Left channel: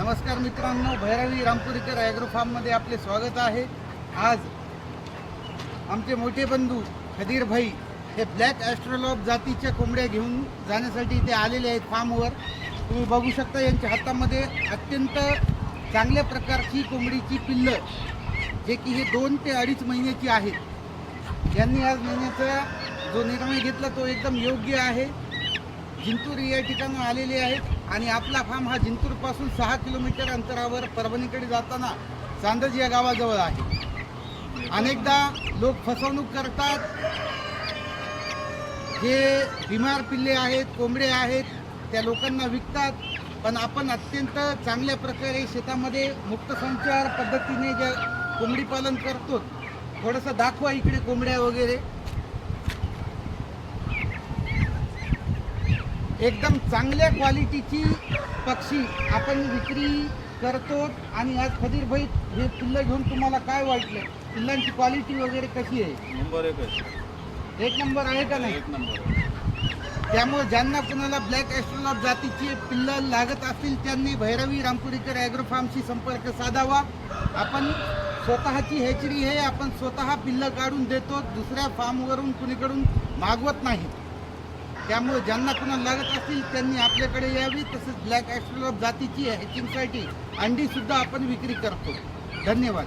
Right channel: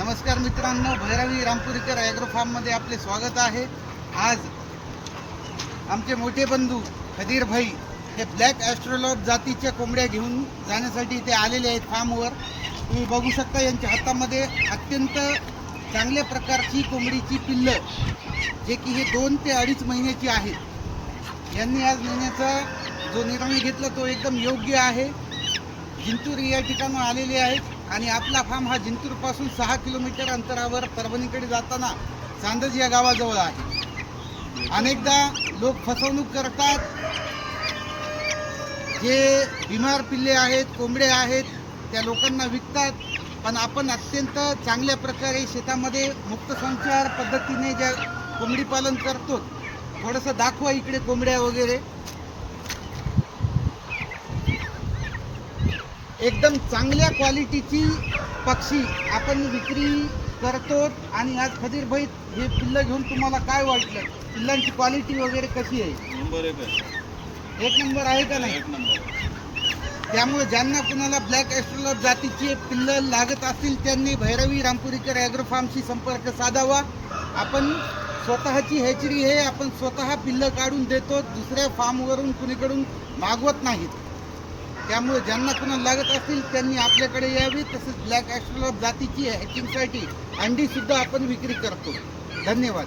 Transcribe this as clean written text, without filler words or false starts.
नमस्कार मित्रांनो, भैरवी रामपुरीकर ॲग्रो फार्ममध्ये आपले स्वागत आहे। आज आमचे मोठे बंधू खदीर भाई हे ब्लॅक ॲस्ट्रोलॉब जातीच्या कोंबड्या घेऊन जाण्यासाठी इथे आलेले आहेत फार्मवर। तुम्ही बघू शकता यांच्या हातामध्ये अत्यंत चांगल्या प्रकारची कोंबडीची पिल्लं, जे की हे 2 ते 2.5 महिन्याची आहेत। यांनी आज महिन्याचा जो निर्णय घेतला तो एकदम योग्य आहे। जिंतूर या ठिकाणी आलेले आहेत आणि आपला फार्म हा जिंतूरपासून 6 किलोमीटर अंतरावर परभणीकडे जाताना चांदज या गावाजवळ आहे। अनेकदा लोक फसवणूक करतात, जे बिमार पिल्ले आहेत, कोंबडे आहेत, त्या लोकांना विकतात। पण आपण अत्यंत चांगल्या प्रकारे शेतामध्ये मुक्त संचार पद्धतीने ज्या कोंबडी पालन करतो, थोडंसं दाखवा इकडे कोंबड्या वगैरे। एकदम चांगल्या क्वालिटीची पक्षी आपण विक्री करतो। आणि आज खदीर भाई हे पिल्लं घेऊन तुम्हाला काय वाटलं? पिल्लांची क्वालिटी वगैरे कशी आहे? नंबर 1 आहे। 1 नंबर आहे का नाही? 1 नंबर। त्यामुळे ज्यांना कुणाला ब्लॅक ॲस्ट्रोलॉब जातीची पिल्लं लागत असतील त्यांनी भैरवी रामपुरीकर ॲग्रो फार्मशी संपर्क साधावा। आपण स्वतःची हॅचरी आहे, आपण स्वतः पिल्लं काढून देतो, दुसऱ्या फार्मवरून कुणीकडून मागवत नाहीत। त्यामुळे ज्यांना कुणाला लागत असतील त्यांनी आपल्याकडे यावी। तसंच ब्लॅक ॲस्ट्रोलॉब जातीची हॅचिंगसाठी अंडीसुद्धा आपण विक्री करतो। धन्यवाद।